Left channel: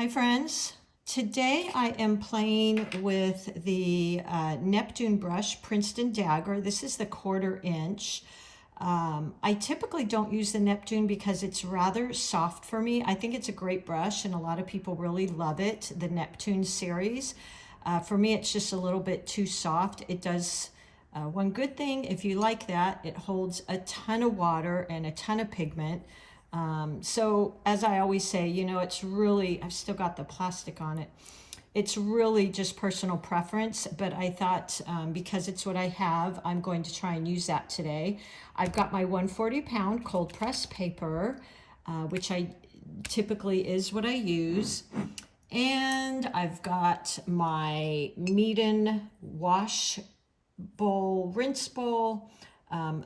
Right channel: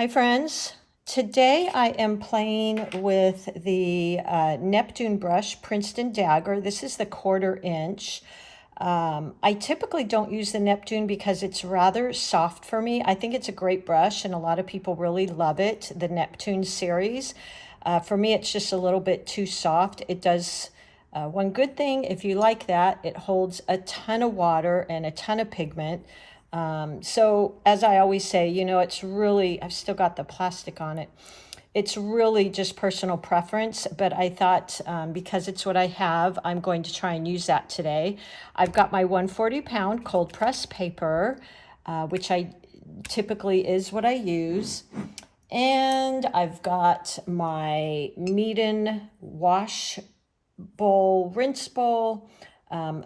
Hi friends, today I am playing with the Neptune brush Princeton Dagger. This is the 1/4 inch. I typically don't use the Neptune because it's rather soft for me. I think it's a great brush and a lot of people really love it, the Neptune series. For me, it's just a little bit too soft. It does one good thing, if you like that, it holds a ton of water and a ton of pigment. So as I always say, you know, it's really, I've still got the plastic on it. It's really just personal preference, but I thought because it's what I have, I'm going to try and use that today. I've got my 140-pound cold press paper, which I typically is what I use. And I've got my Meeden wash bowl, rinse bowl.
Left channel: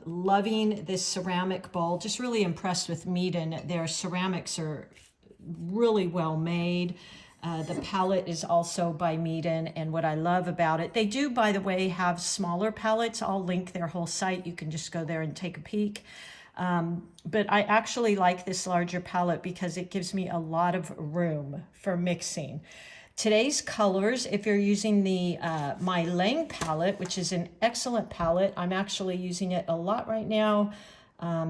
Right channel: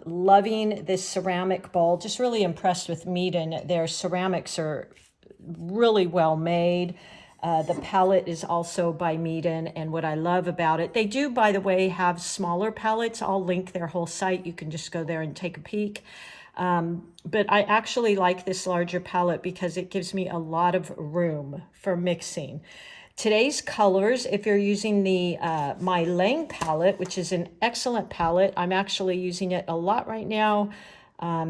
Loving this ceramic bowl, just really impressed with Meeden. Their ceramics are really well made. The palette is also by Meeden, and what I love about it, they do, by the way, have smaller palettes. I'll link their whole site. You can just go there and take a peek. But I actually like this larger palette because it gives me a lot of room for mixing. Today's colors, if you're using the MeiLiang palette, which is an excellent palette, I'm actually using it a lot right now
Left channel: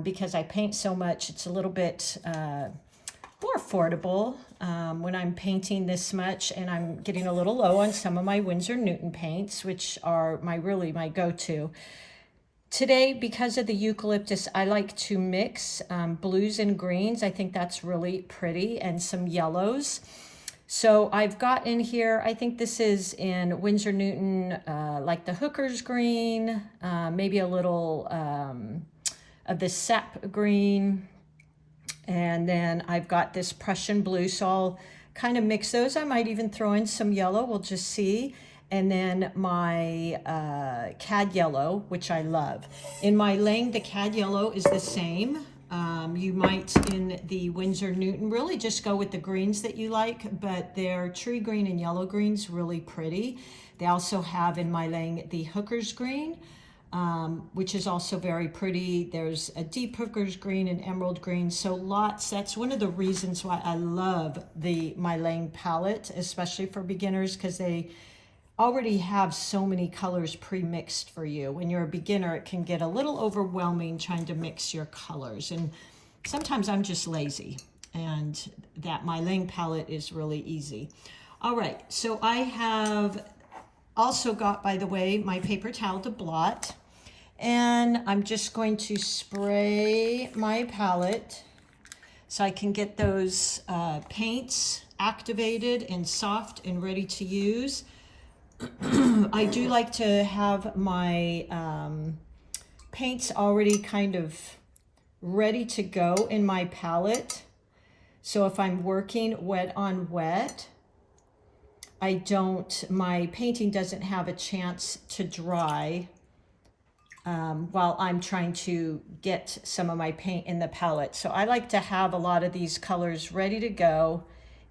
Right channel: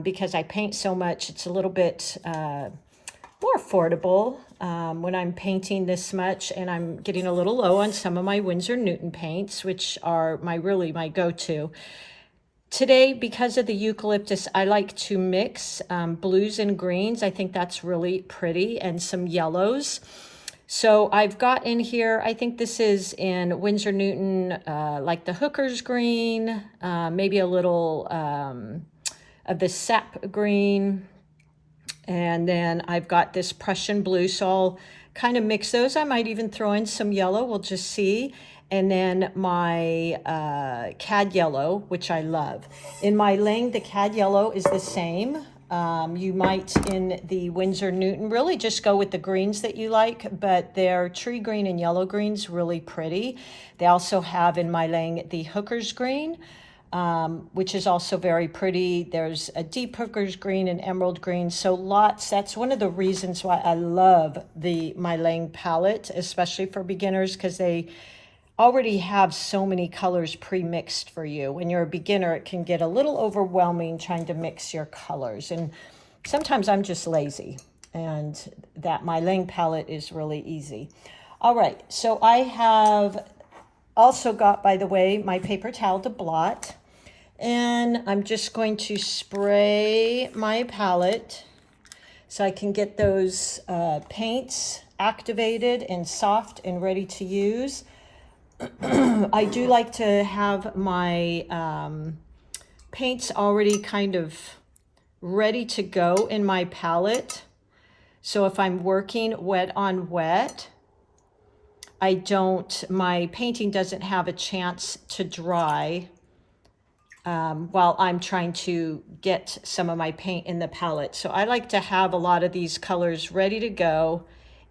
because I paint so much. It's a little bit more affordable when I'm painting this much, and I'm getting a little low on some of my Winsor Newton paints, which are really my go-to. Today, because of the eucalyptus, I like to mix blues and greens. I think that's really pretty, and some yellows. So I've got in here, I think this is in Winsor Newton, like the hooker's green, maybe a little of the sap green. And then I've got this Prussian blue, so I'll kind of mix those. I might even throw in some yellow, we'll just see. And then my cad yellow, which I love. In MeiLiang, the cad yellow is the same. You might, in the Winsor Newton, really just go with the greens that you like, but their tree green and yellow greens really pretty. They also have in MeiLiang the hooker's green, which is also very pretty. There's a deep hooker's green and emerald green, so lots. That's one of the reasons why I love the MeiLiang palette, especially for beginners, because they already have so many colors pre-mixed for you. When you're a beginner, it can get a little overwhelming trying to mix your colors, and sometimes I'm just lazy, and that MeiLiang palette is really easy. All right, so I have also got, by the way, my paper towel to blot, and I'm just going to spray my palette so I can get those paints activated and soft and ready to use. I do like to have my paints already kind of ready to go in my palette. So if I'm working wet on wet, my painting doesn't have a chance to dry while I'm trying to get some of my paint in the palette. So I like to have a lot of these colors ready to go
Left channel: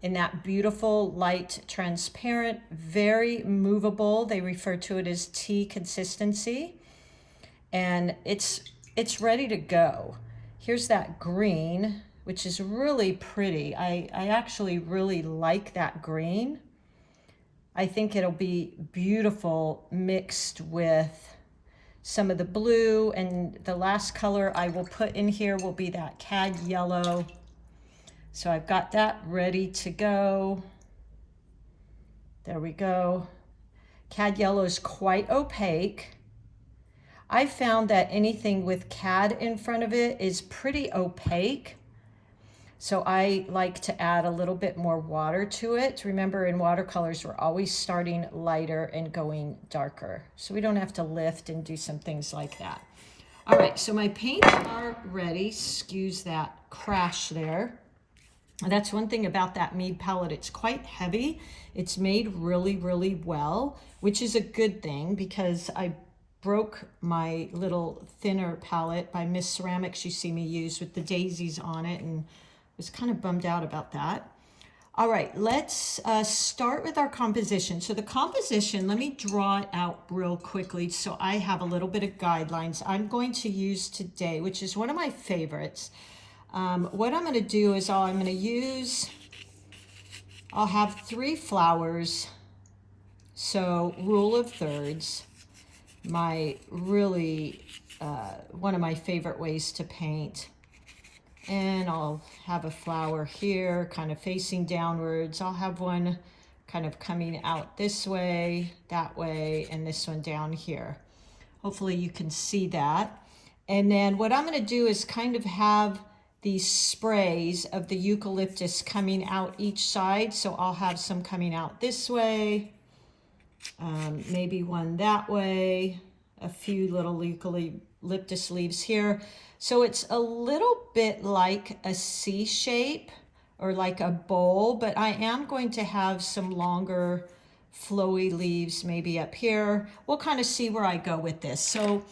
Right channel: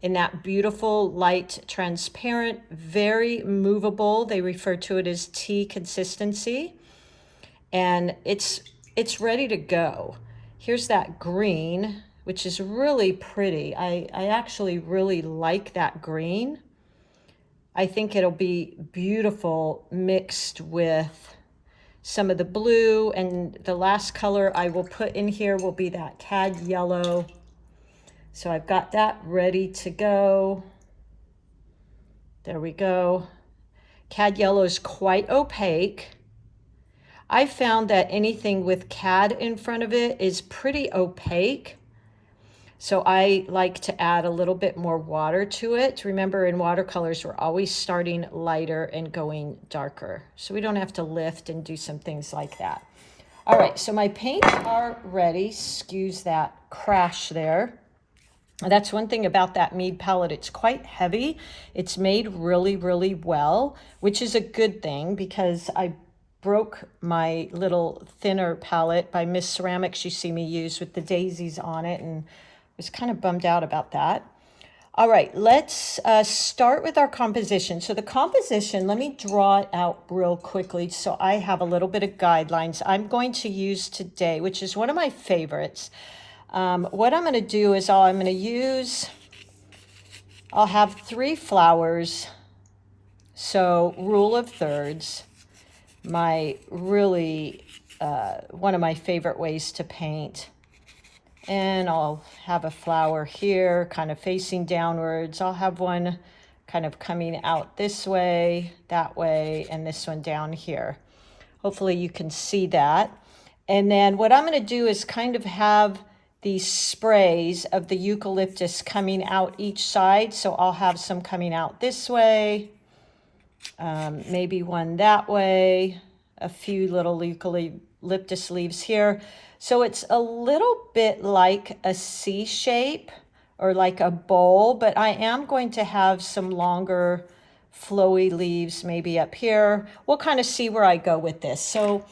in that beautiful light transparent, very movable. They refer to it as tea consistency, and it's ready to go. Here's that green, which is really pretty. I actually really like that green. I think it'll be beautiful mixed with some of the blue, and the last color I will put in here will be that cad yellow. So I've got that ready to go. There we go. Cad yellow is quite opaque. I found that anything with cad in front of it is pretty opaque. So I like to add a little bit more water to it. Remember, in watercolors, we're always starting lighter and going darker. So we don't have to lift and do some things like that. All right, so my paints are ready. Excuse that crash there. That's one thing about that Mead palette. It's quite heavy. It's made really, really well, which is a good thing because I broke my little thinner palette by Miss Ceramics you see me use with the daisies on it, and was kind of bummed out about that. All right, let's start with our composition. So the composition, let me draw it out real quickly so I have a little bit of guidelines I'm going to use today, which is one of my favorites. What I'm going to do is I'm going to use I'll have 3 flowers. So rule of thirds, my really, one of my favorite ways to paint. And I'll have a flower here kind of facing downwards. I'll have one kind of coming out this way, that way, and this one down here. Hopefully you can see that. And then what I'm going to do is kind of have these sprays of the eucalyptus coming out each side. So I'll have some coming out this way, maybe one that way, a few little eucalyptus leaves here. So it's a little bit like a C shape or like a bowl, but I am going to have some longer flowy leaves maybe up here. We'll kind of see where I go with this. So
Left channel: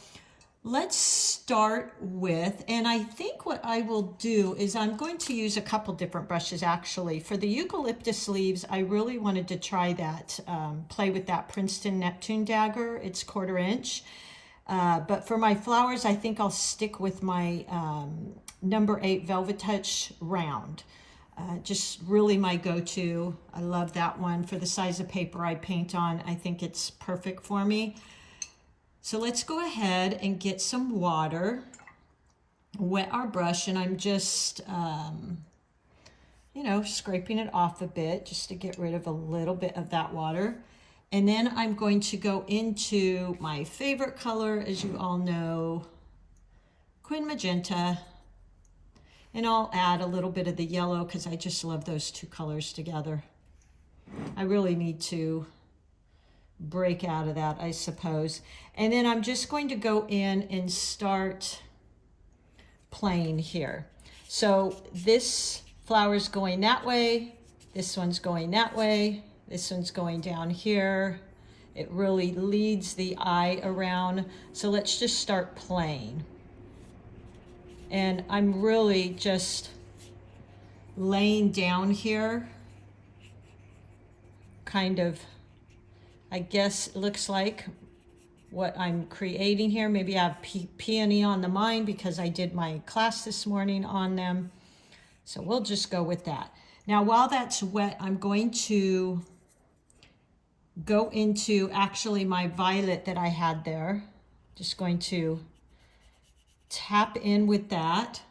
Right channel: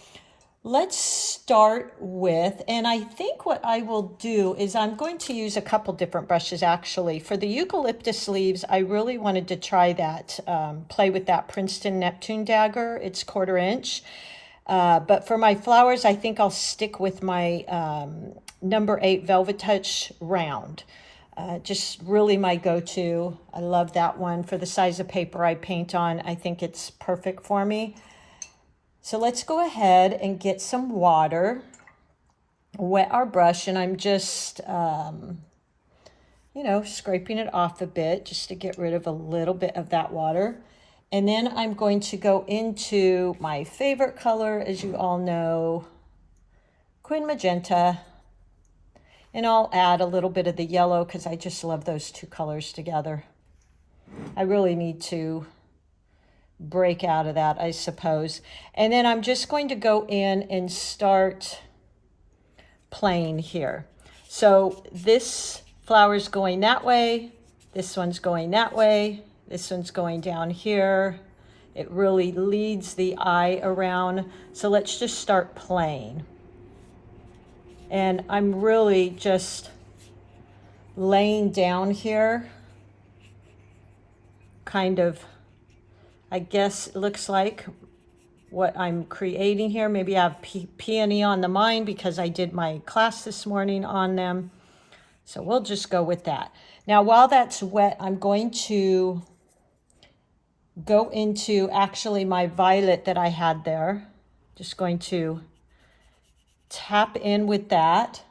let's start with, and I think what I will do is I'm going to use a couple different brushes actually. For the eucalyptus leaves, I really wanted to try that, play with that Princeton Neptune dagger. It's 1/4 inch. But for my flowers, I think I'll stick with my number 8 Velvetouch round. Just really my go-to. I love that one for the size of paper I paint on. I think it's perfect for me. So let's go ahead and get some water, wet our brush, and I'm just, you know, scraping it off a bit just to get rid of a little bit of that water. And then I'm going to go into my favorite color, as you all know, Quin Magenta. And I'll add a little bit of the yellow because I just love those 2 colors together. I really need to break out of that, I suppose. And then I'm just going to go in and start playing here. So this flower's going that way, this one's going that way, this one's going down here. It really leads the eye around. So let's just start playing. And I'm really just laying down here, kind of, I guess it looks like what I'm creating here. Maybe I have peony on the mind because I did my class this morning on them. So we'll just go with that. Now, while that's wet, I'm going to go into actually my violet that I had there. Just going to tap in with that.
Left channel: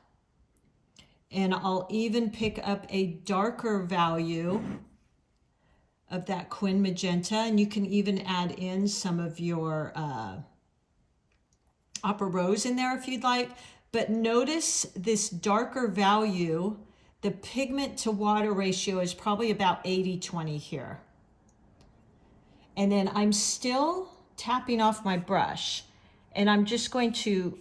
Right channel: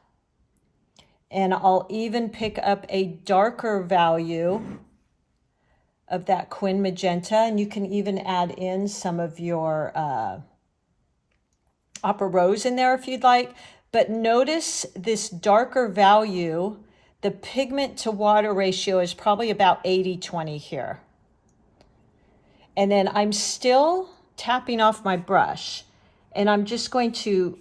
And I'll even pick up a darker value of that Quin Magenta, and you can even add in some of your Opera Rose in there if you'd like. But notice this darker value, the pigment to water ratio is probably about 80-20 here. And then I'm still tapping off my brush, and I'm just going to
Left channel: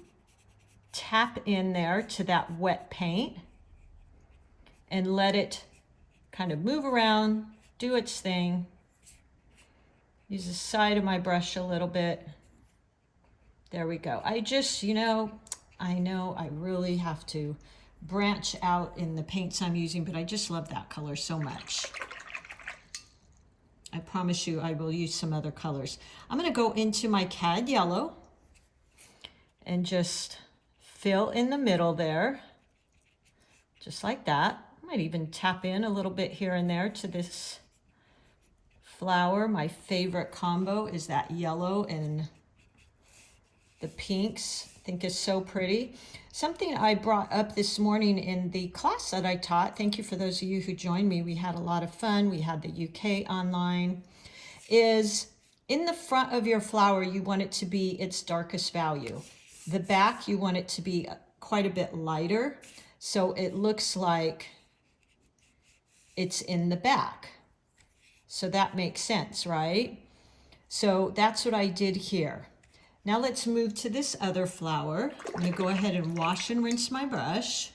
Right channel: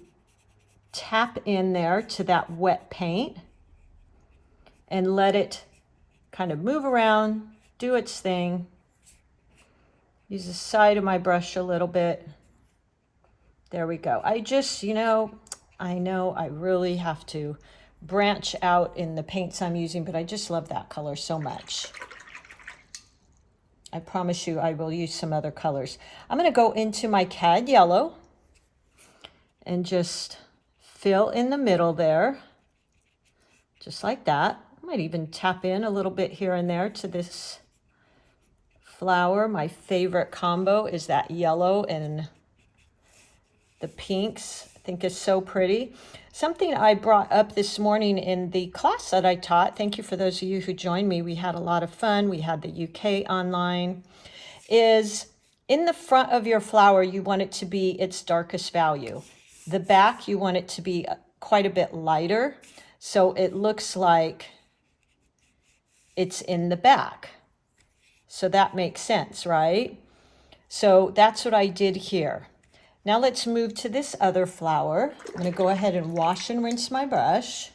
tap in there to that wet paint and let it kind of move around, do its thing. Use the side of my brush a little bit. There we go. I just, you know I really have to branch out in the paints I'm using, but I just love that color so much. I promise you I will use some other colors. I'm going to go into my cad yellow and just fill in the middle there, just like that. I might even tap in a little bit here and there to this flower. My favorite combo is that yellow and the pinks. I think is so pretty. Something I brought up this morning in the class that I taught, thank you for those of you who joined me, we had a lot of fun, we had the UK online, is in the front of your flower, you want it to be its darkest value. The back, you want it to be quite a bit lighter, so it looks like it's in the back. So that makes sense, right? So that's what I did here. Now let's move to this other flower. I'm going to go ahead and wash and rinse my brush.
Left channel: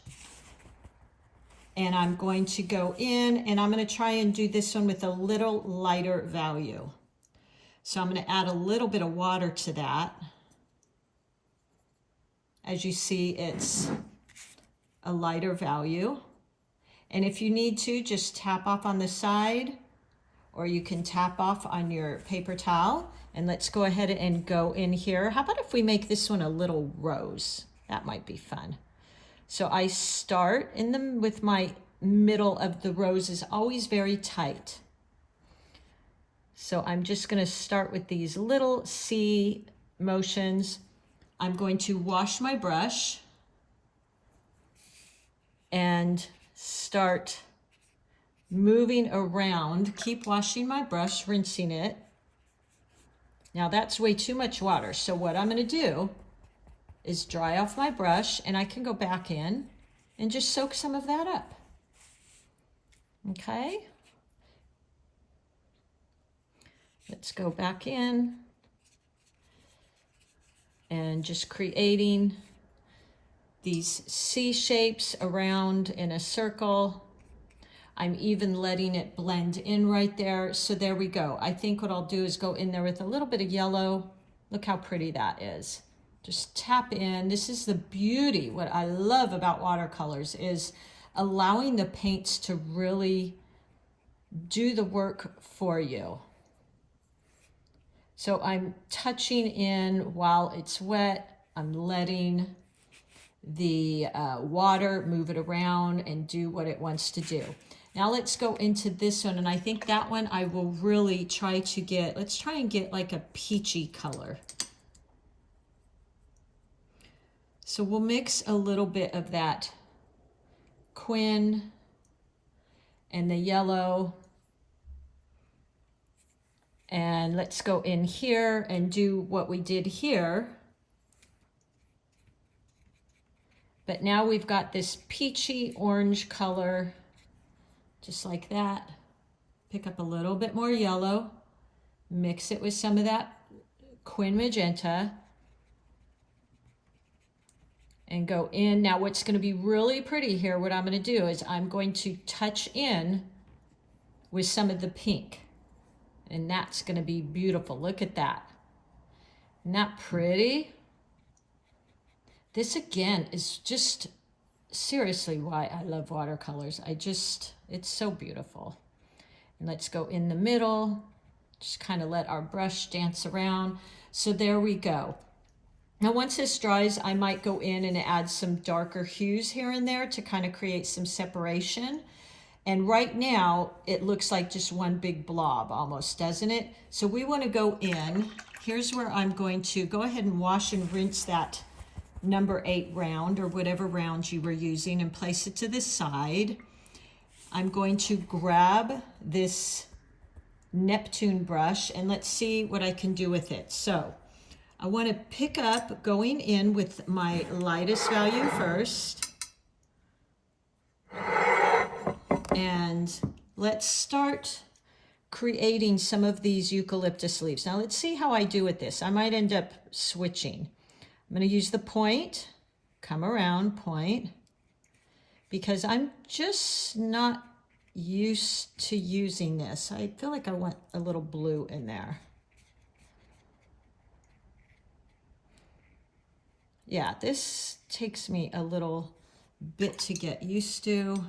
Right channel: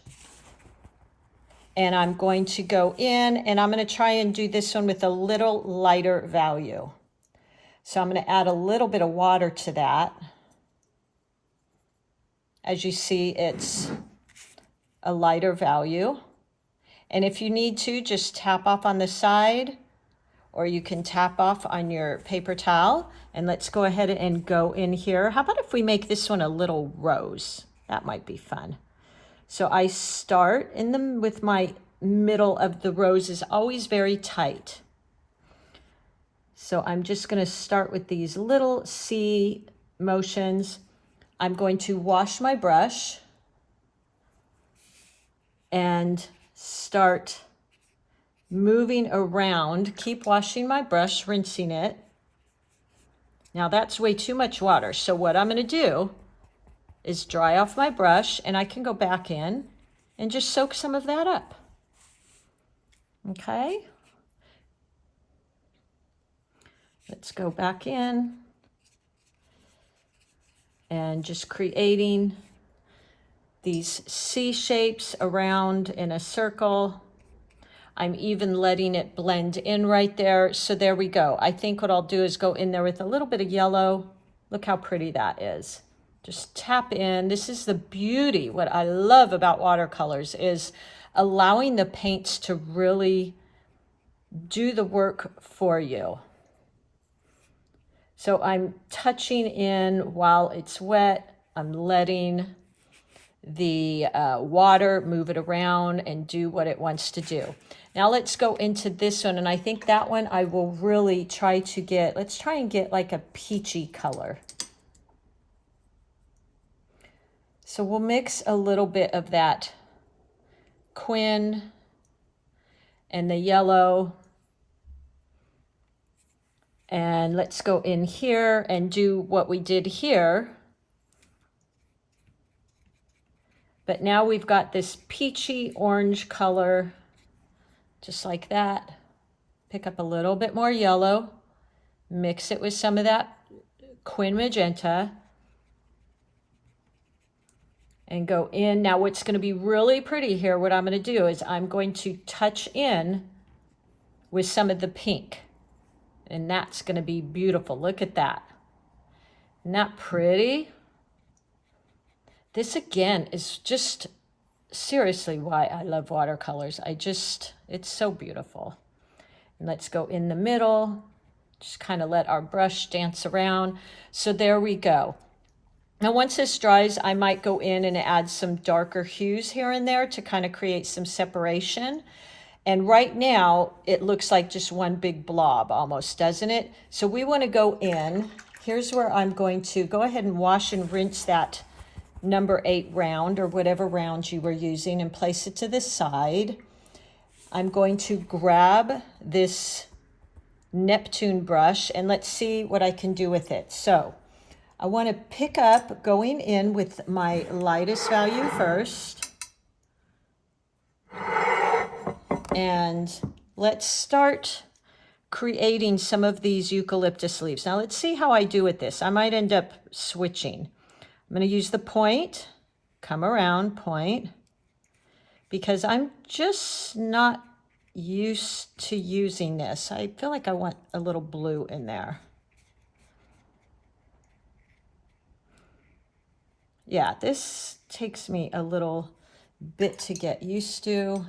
And I'm going to go in and I'm going to try and do this one with a little lighter value. So I'm going to add a little bit of water to that. As you see, it's a lighter value. And if you need to, just tap off on the side, or you can tap off on your paper towel. And let's go ahead and go in here. How about if we make this one a little rose? That might be fun. So I start with my middle of the rose is always very tight. So I'm just going to start with these little C motions. I'm going to wash my brush and start moving around. Keep washing my brush, rinsing it. Now that's way too much water. So what I'm going to do is dry off my brush, and I can go back in and just soak some of that up. Okay. Let's go back in and just creating these C shapes around in a circle. I'm even letting it blend in right there. So there we go. I think what I'll do is go in there with a little bit of yellow. Look how pretty that is. Just tap in. This is the beauty. What I love about watercolors is allowing the paints to really do the work for you. So I'm touching in while it's wet. I'm letting the water move it around and do what it wants to do. Now let's go into this one, and I think that one I will really try to get, let's try and get like a peachy color. So we'll mix a little bit of that quin and the yellow. And let's go in here and do what we did here. But now we've got this peachy orange color, just like that. Pick up a little bit more yellow, mix it with some of that quin magenta, and go in. Now what's going to be really pretty here, what I'm going to do is I'm going to touch in with some of the pink. And that's going to be beautiful. Look at that. Isn't that pretty? This again is just seriously why I love watercolors. It's so beautiful. And let's go in the middle. Just kind of let our brush dance around. So there we go. Now once this dries, I might go in and add some darker hues here and there to kind of create some separation. And right now, it looks like just one big blob almost, doesn't it? So we want to go in. Here's where I'm going to go ahead and wash and rinse that number 8 round or whatever round you were using and place it to the side. I'm going to grab this Neptune brush and let's see what I can do with it. So I want to pick up going in with my lightest value first. And let's start creating some of these eucalyptus leaves. Now let's see how I do with this. I might end up switching. I'm going to use the point, come around, point, because I'm just not used to using this. I feel like I want a little blue in there. Yeah, this takes me a little bit to get used to.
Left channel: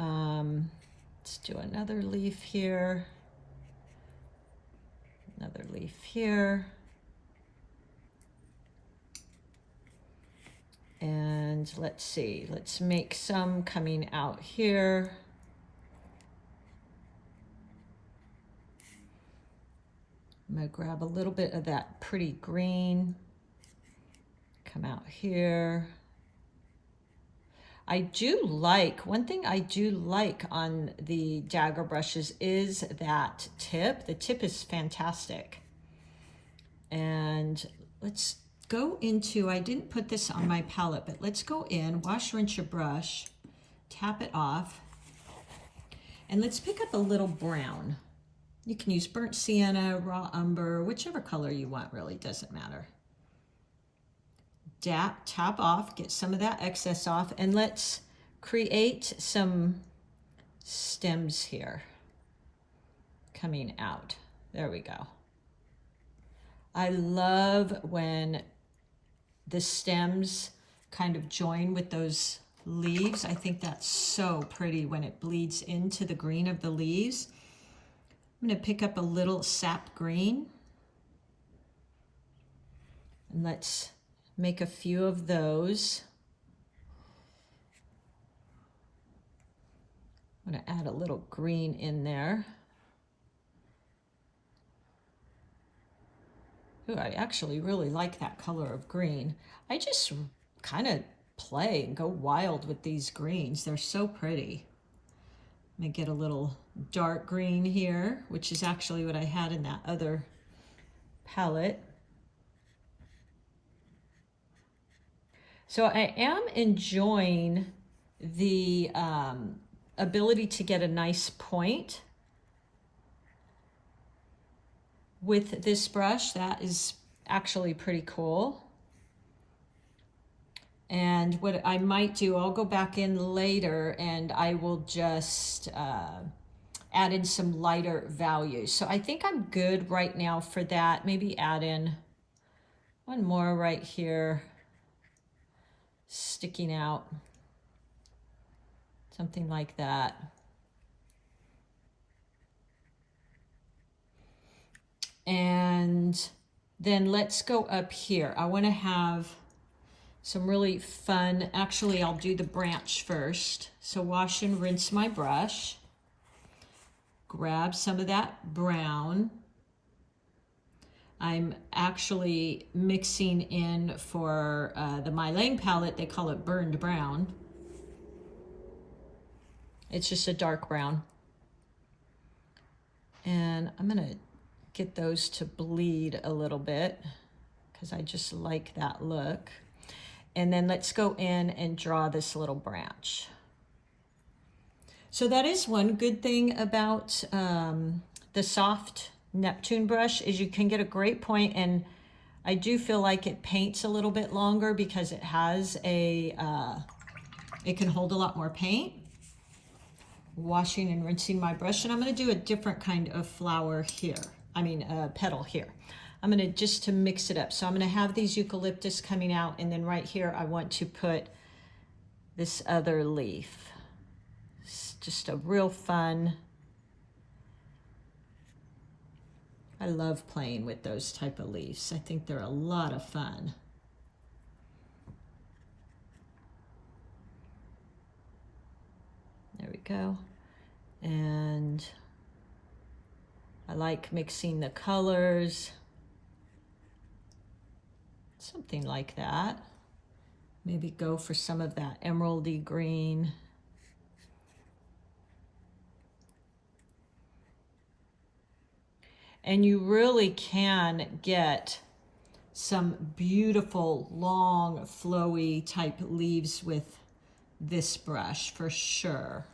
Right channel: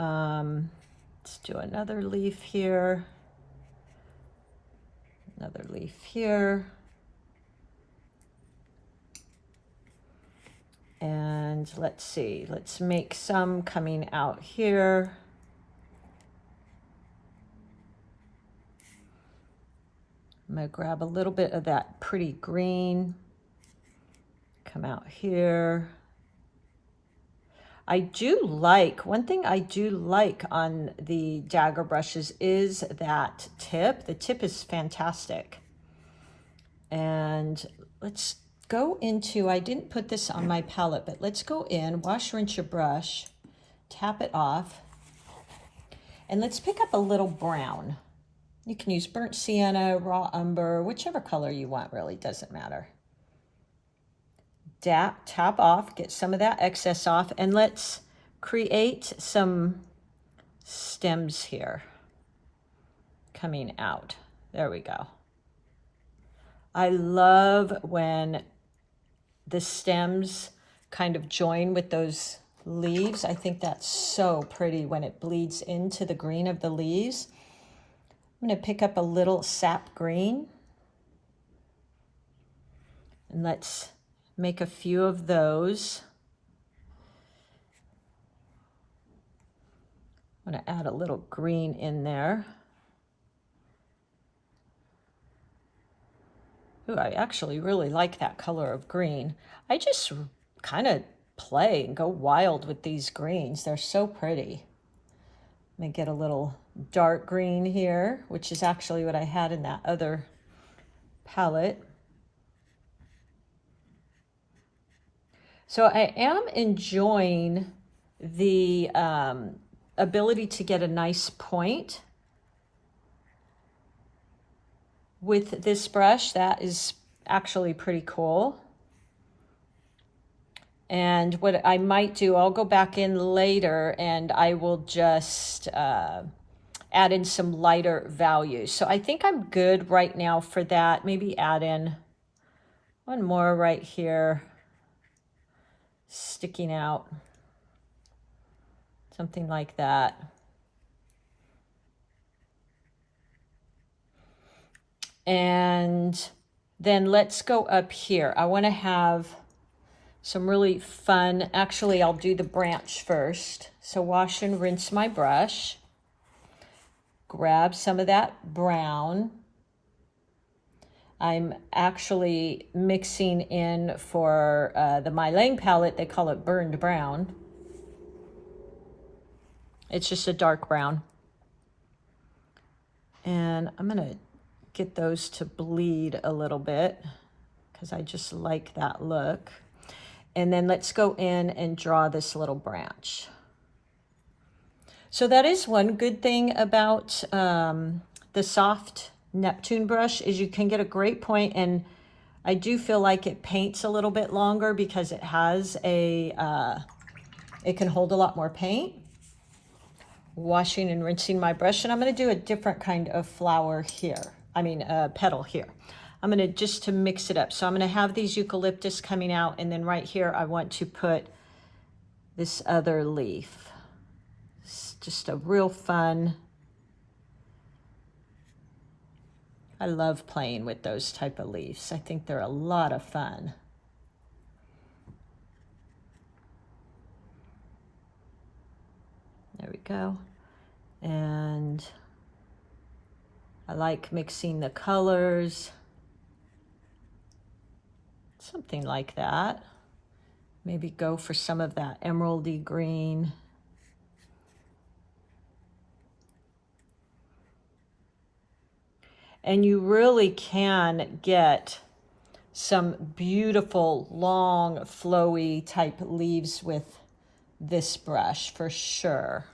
Let's do another leaf here, another leaf here, and let's see, let's make some coming out here. I'm going to grab a little bit of that pretty green, come out here. I do like, one thing I do like on the dagger brushes is that tip. The tip is fantastic. And let's go into, I didn't put this on my palette, but let's go in, wash, rinse your brush, tap it off, and let's pick up a little brown. You can use burnt sienna, raw umber, whichever color you want, really doesn't matter. Tap off, get some of that excess off, and let's create some stems here coming out. There we go. I love when the stems kind of join with those leaves. I think that's so pretty when it bleeds into the green of the leaves. I'm going to pick up a little sap green, and let's make a few of those. I'm going to add a little green in there. Ooh, I actually really like that color of green. I just kind of play and go wild with these greens. They're so pretty. I'm going to get a little dark green here, which is actually what I had in that other palette. So I am enjoying the ability to get a nice point with this brush. That is actually pretty cool. And what I might do, I'll go back in later and I will just add in some lighter values. So I think I'm good right now for that. Maybe add in one more right here, sticking out, something like that. And then let's go up here. I want to have some really fun, actually I'll do the branch first. So wash and rinse my brush, grab some of that brown. I'm actually mixing in for the MeiLiang palette, they call it burned brown. It's just a dark brown. And I'm gonna get those to bleed a little bit because I just like that look. And then let's go in and draw this little branch. So that is one good thing about the soft Neptune brush is you can get a great point, and I do feel like it paints a little bit longer because it has a, it can hold a lot more paint. Washing and rinsing my brush, and I'm going to do a different kind of flower here. I mean, petal here. I'm going to just to mix it up. So I'm going to have these eucalyptus coming out, and then right here I want to put this other leaf. It's just a real fun. I love playing with those type of leaves. I think they're a lot of fun. There we go. And I like mixing the colors. Something like that. Maybe go for some of that emeraldy green. And you really can get some beautiful, long, flowy type leaves with this brush for sure.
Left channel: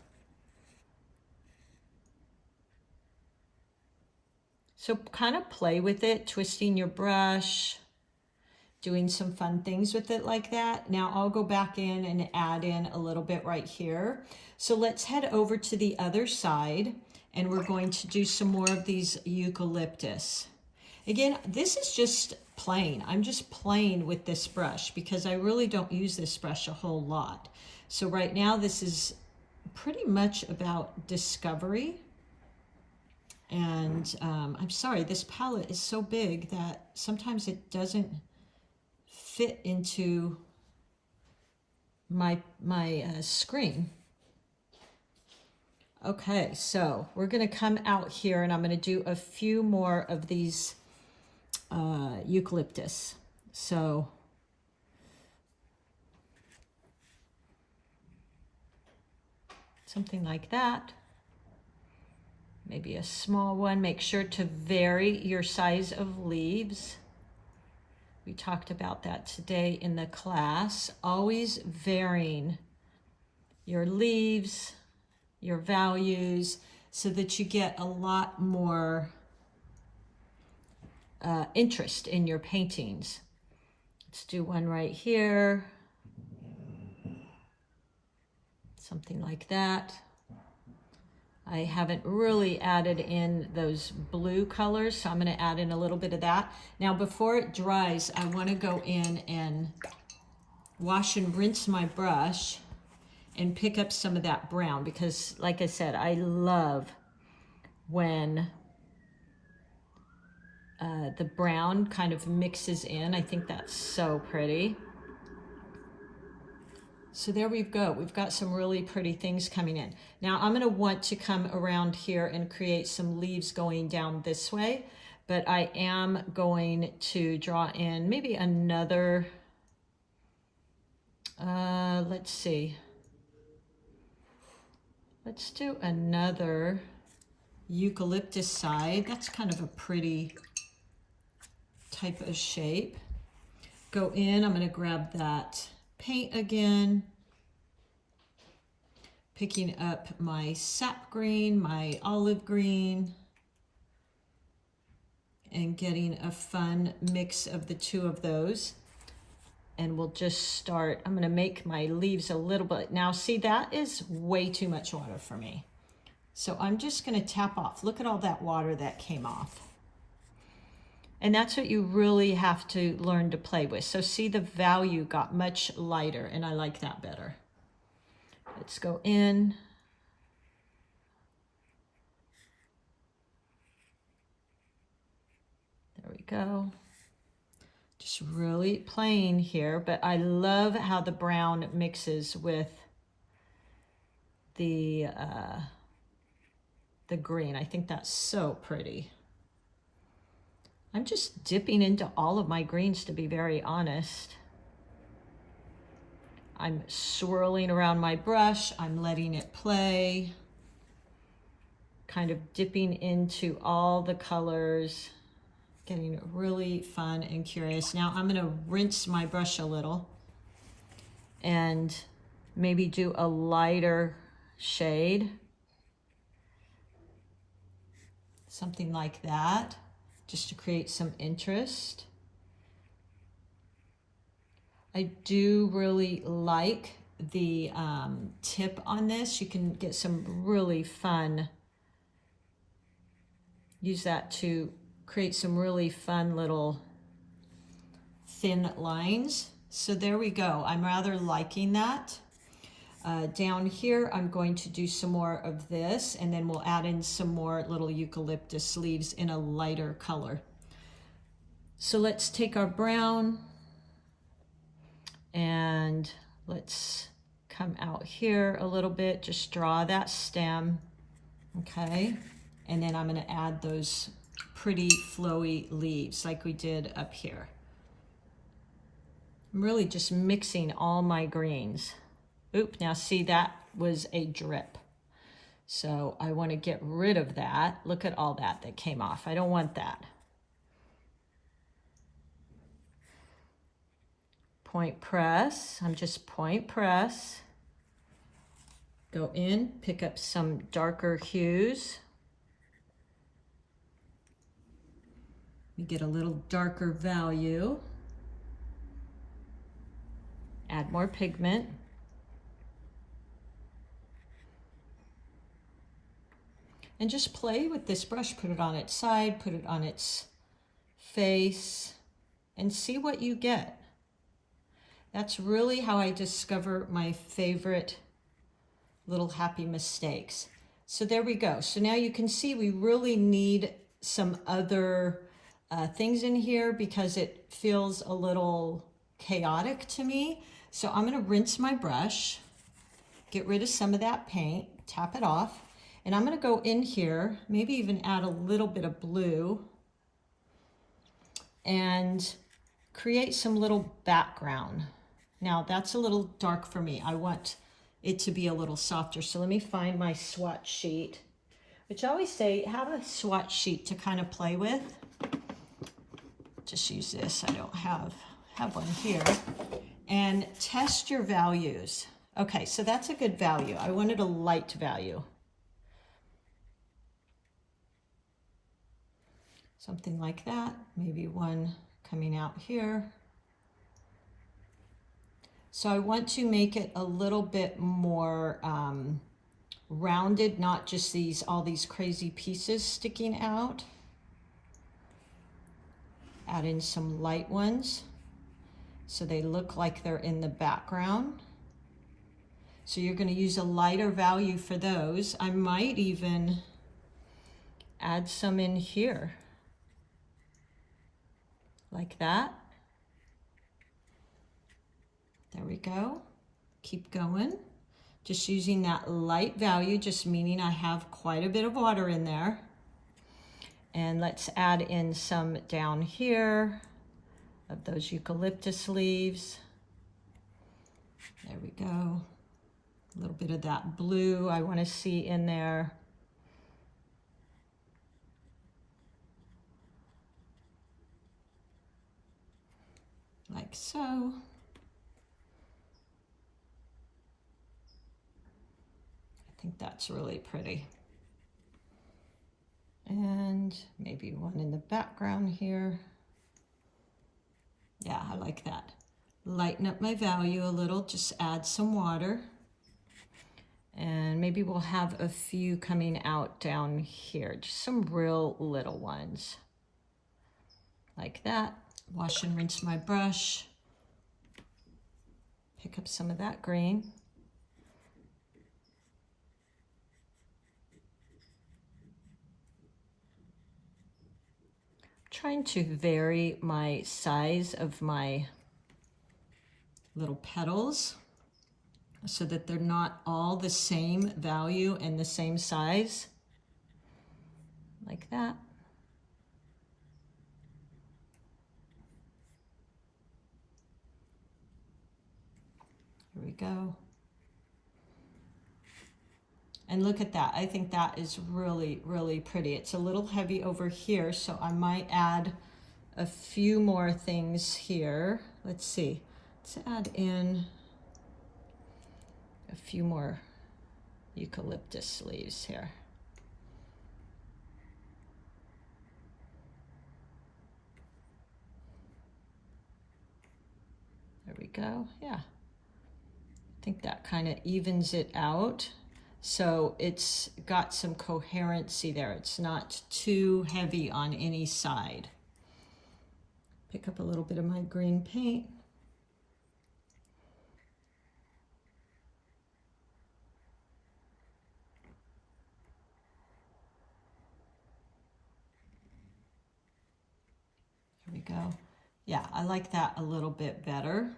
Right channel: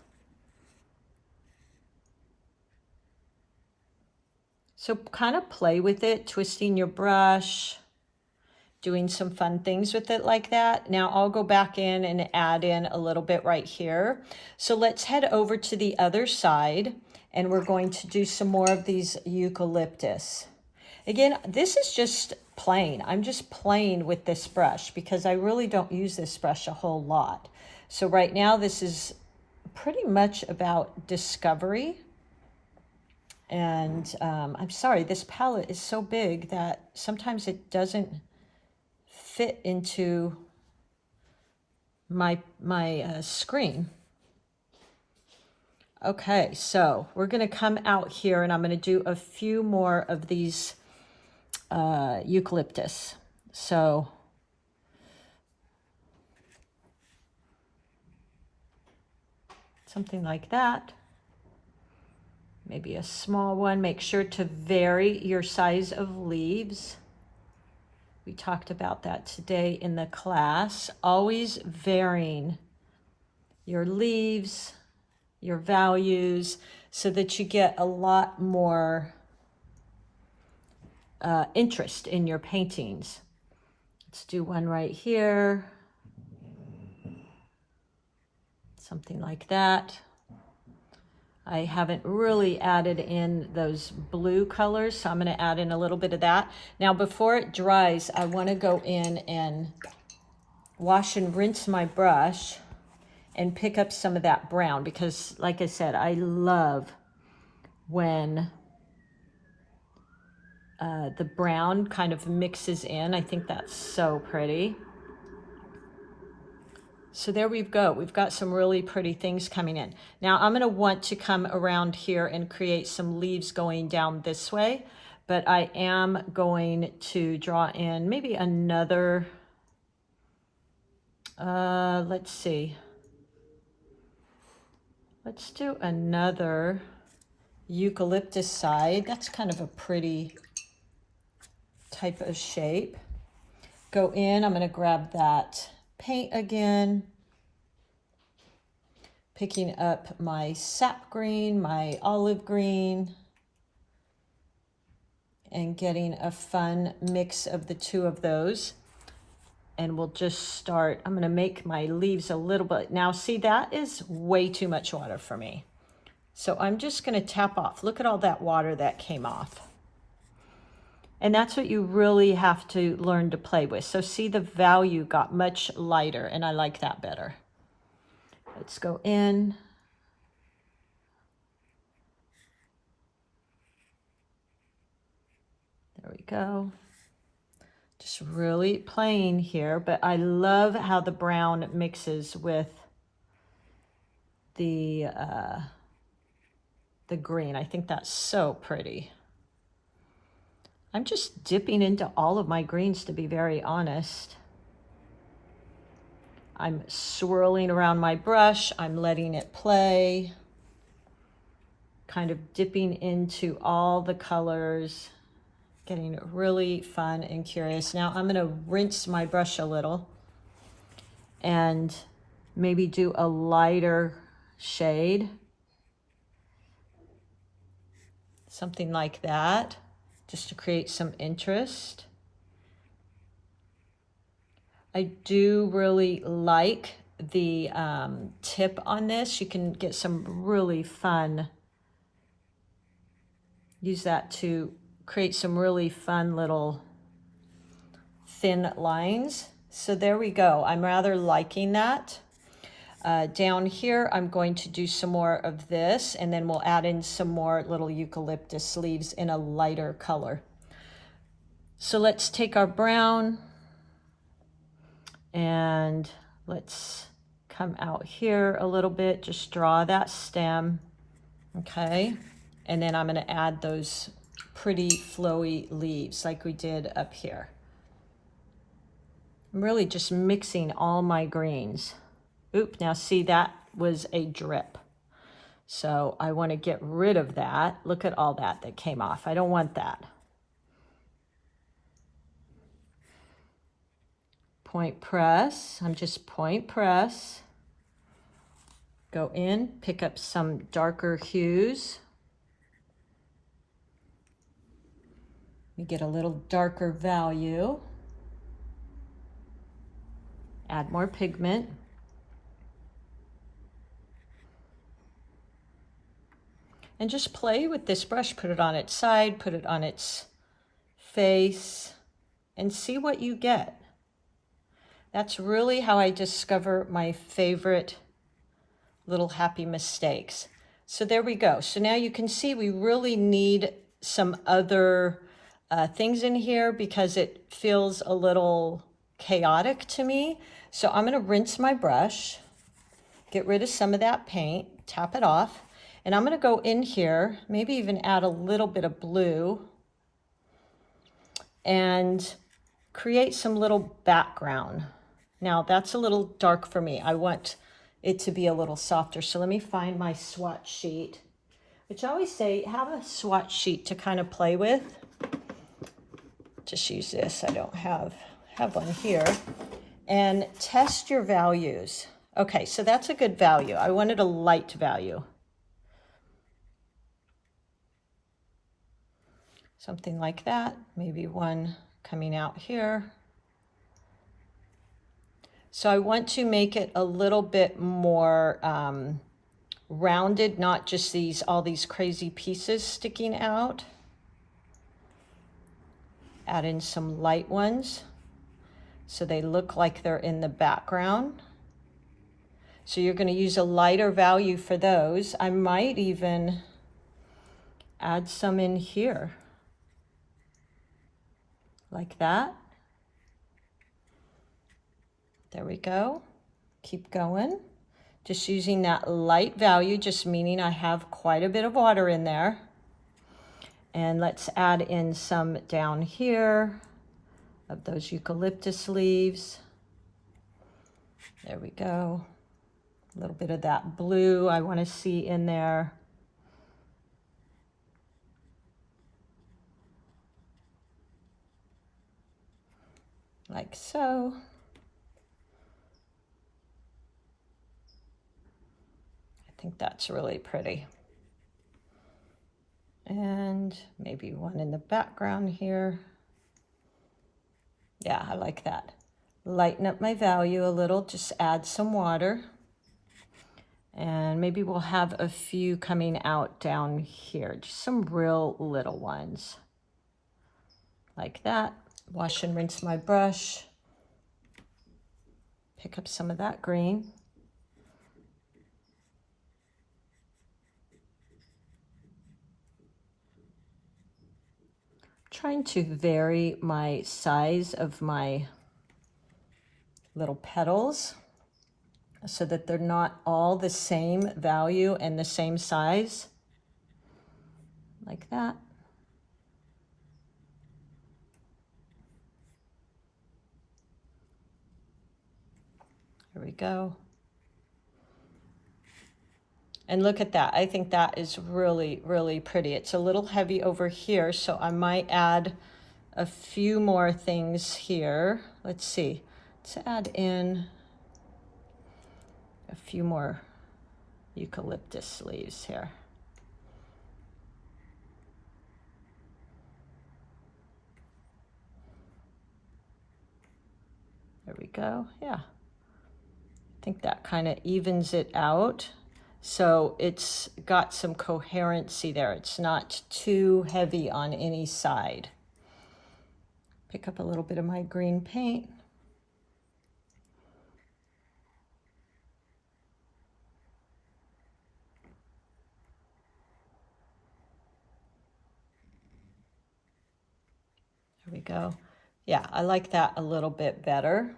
So kind of play with it, twisting your brush, doing some fun things with it like that. Now I'll go back in and add in a little bit right here. So let's head over to the other side, and we're going to do some more of these eucalyptus. Again, this is just plain. I'm just playing with this brush because I really don't use this brush a whole lot. So right now this is pretty much about discovery. And I'm sorry, this palette is so big that sometimes it doesn't fit into my screen. Okay, so we're going to come out here and I'm going to do a few more of these eucalyptus. So something like that. Maybe a small one. Make sure to vary your size of leaves. We talked about that today in the class. Always varying your leaves, your values, so that you get a lot more interest in your paintings. Let's do one right here. Something like that. I haven't really added in those blue colors, so I'm going to add in a little bit of that. Now, before it dries, I want to go in and wash and rinse my brush and pick up some of that brown because, like I said, I love when the brown kind of mixes in. I think that's so pretty. So there we go. We've got some really pretty things coming in. Now I'm going to want to come around here and create some leaves going down this way, but I am going to draw in maybe another, let's see. Let's do another eucalyptus side. That's kind of a pretty type of shape. Go in, I'm going to grab that paint again, picking up my sap green, my olive green, and getting a fun mix of the two of those. And we'll just start, I'm gonna make my leaves a little bit. Now see, that is way too much water for me. So I'm just gonna tap off. Look at all that water that came off. And that's what you really have to learn to play with. So see, the value got much lighter, and I like that better. Let's go in. There we go. Just really playing here, but I love how the brown mixes with the green. I think that's so pretty. I'm just dipping into all of my greens, to be very honest. I'm swirling around my brush. I'm letting it play, kind of dipping into all the colors, getting really fun and curious. Now I'm going to rinse my brush a little and maybe do a lighter shade, something like that, just to create some interest. I do really like the tip on this. You can get some really fun, use that to create some really fun little thin lines. So there we go. I'm rather liking that. Down here, I'm going to do some more of this, and then we'll add in some more little eucalyptus leaves in a lighter color. So let's take our brown and let's come out here a little bit, just draw that stem, okay? And then I'm gonna add those pretty flowy leaves like we did up here. I'm really just mixing all my greens. Oop, now see, that was a drip. So I want to get rid of that. Look at all that came off. I don't want that. Point press, I'm just point press. Go in, pick up some darker hues. You get a little darker value. Add more pigment. And just play with this brush, put it on its side, put it on its face, and see what you get. That's really how I discover my favorite little happy mistakes. So there we go. So now you can see we really need some other things in here because it feels a little chaotic to me. So I'm going to rinse my brush, get rid of some of that paint, tap it off. And I'm going to go in here, maybe even add a little bit of blue and create some little background. Now that's a little dark for me. I want it to be a little softer. So let me find my swatch sheet, which I always say, have a swatch sheet to kind of play with. Just use this. I don't have one here. And test your values. Okay, so that's a good value. I wanted a light value. Something like that, maybe one coming out here. So I want to make it a little bit more rounded, not just all these crazy pieces sticking out. Add in some light ones so they look like they're in the background. So you're going to use a lighter value for those. I might even add some in here. Like that. There we go. Keep going. Just using that light value, just meaning I have quite a bit of water in there. And let's add in some down here of those eucalyptus leaves. There we go. A little bit of that blue I want to see in there. Like so. I think that's really pretty. And maybe one in the background here. Yeah, I like that. Lighten up my value a little, just add some water. And maybe we'll have a few coming out down here, just some real little ones. Like that. Wash and rinse my brush. Pick up some of that green. Trying to vary my size of my little petals so that they're not all the same value and the same size. Like that. There we go. And look at that. I think that is really, really pretty. It's a little heavy over here, so I might add a few more things here. Let's see. Let's add in a few more eucalyptus leaves here. There we go. Yeah. I think that kind of evens it out. So it's got some coherency there. It's not too heavy on any side. Pick up a little bit of my green paint. There we go. Yeah, I like that a little bit better.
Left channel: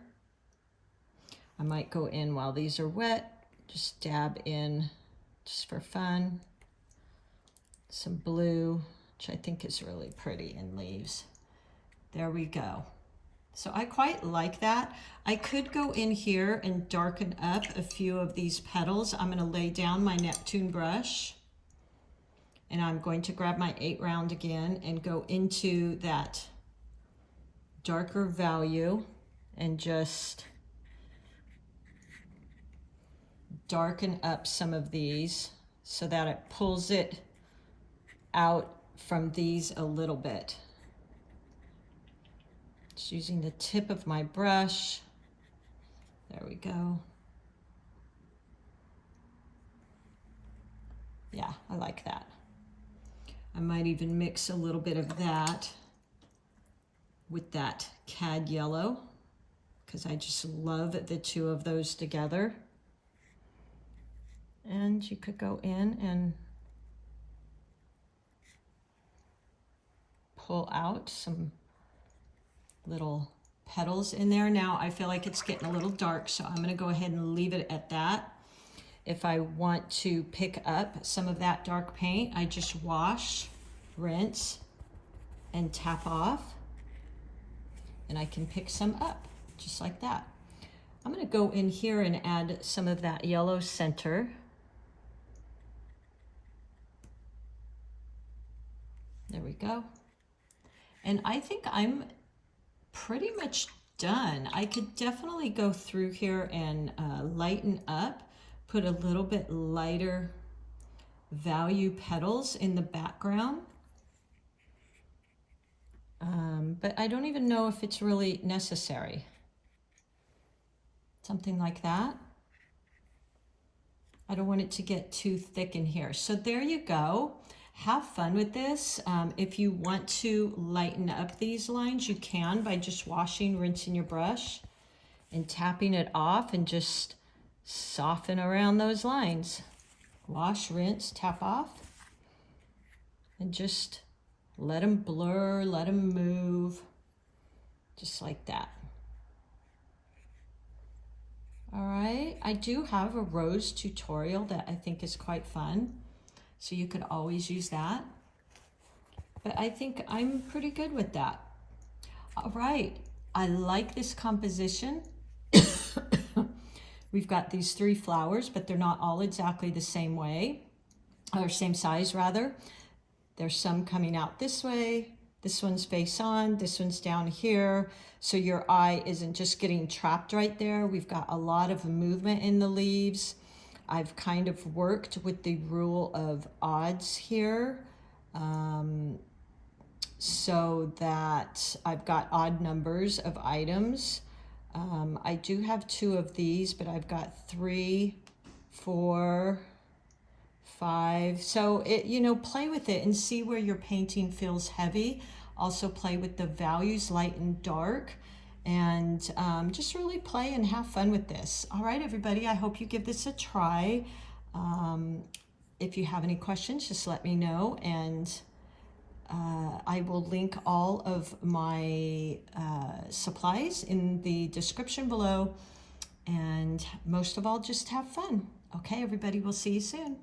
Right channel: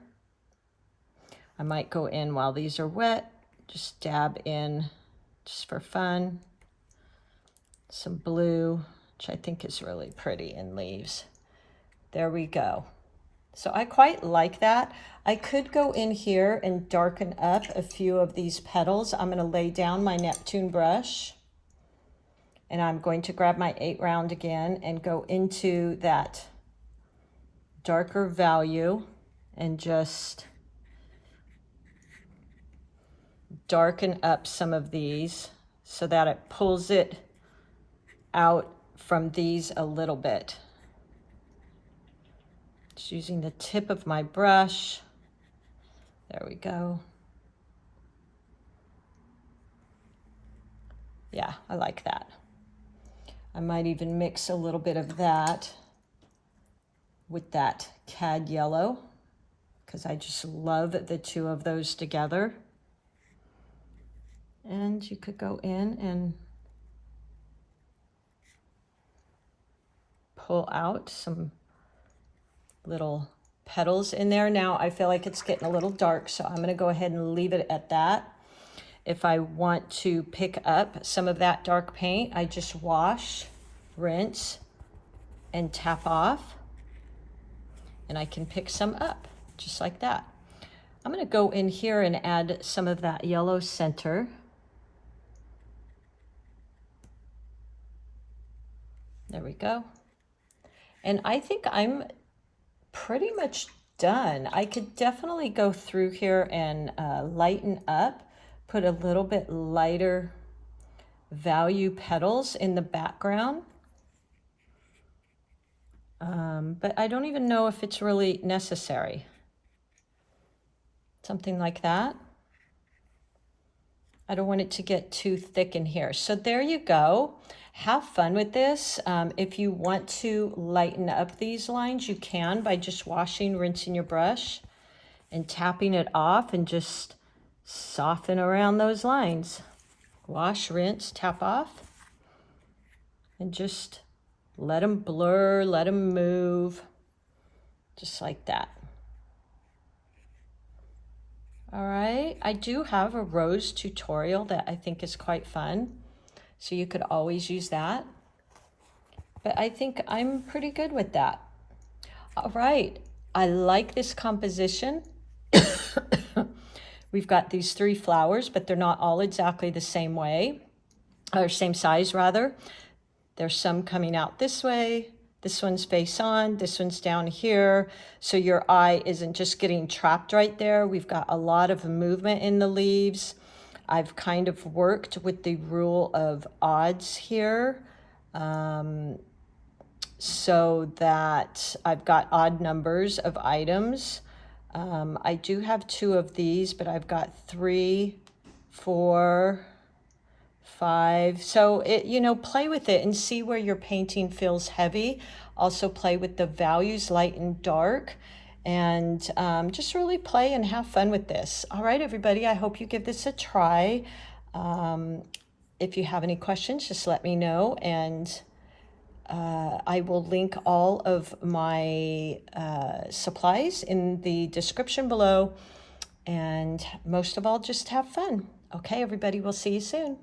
I might go in while these are wet. Just dab in, just for fun, some blue, which I think is really pretty in leaves. There we go. So I quite like that. I could go in here and darken up a few of these petals. I'm going to lay down my Neptune brush, and I'm going to grab my 8 round again and go into that darker value and just darken up some of these so that it pulls it out from these a little bit. Just using the tip of my brush. There we go. Yeah, I like that. I might even mix a little bit of that with that cad yellow because I just love the two of those together. And you could go in and pull out some little petals in there. Now I feel like it's getting a little dark, so I'm going to go ahead and leave it at that. If I want to pick up some of that dark paint, I just wash, rinse, and tap off, and I can pick some up just like that. I'm going to go in here and add some of that yellow center. There we go. And I think I'm pretty much done. I could definitely go through here and lighten up, put a little bit lighter value petals in the background. But I don't even know if it's really necessary. Something like that. I don't want it to get too thick in here. So there you go. Have fun with this. If you want to lighten up these lines, you can by just washing, rinsing your brush and tapping it off and just soften around those lines. Wash, rinse, tap off, and just let them blur, let them move, just like that. All right, I do have a rose tutorial that I think is quite fun, so you could always use that. But I think I'm pretty good with that. All right, I like this composition. We've got these 3 flowers, but they're not all exactly the same way, or same size rather. There's some coming out this way. This one's face on, this one's down here. So your eye isn't just getting trapped right there. We've got a lot of movement in the leaves. I've kind of worked with the rule of odds here, so that I've got odd numbers of items. I do have 2 of these, but I've got 3, 4, 5. So play with it and see where your painting feels heavy. Also play with the values, light and dark, and just really play and have fun with this. All right, everybody, I hope you give this a try. If you have any questions, just let me know, and I will link all of my supplies in the description below. And most of all, just have fun. Okay, everybody, we'll see you soon.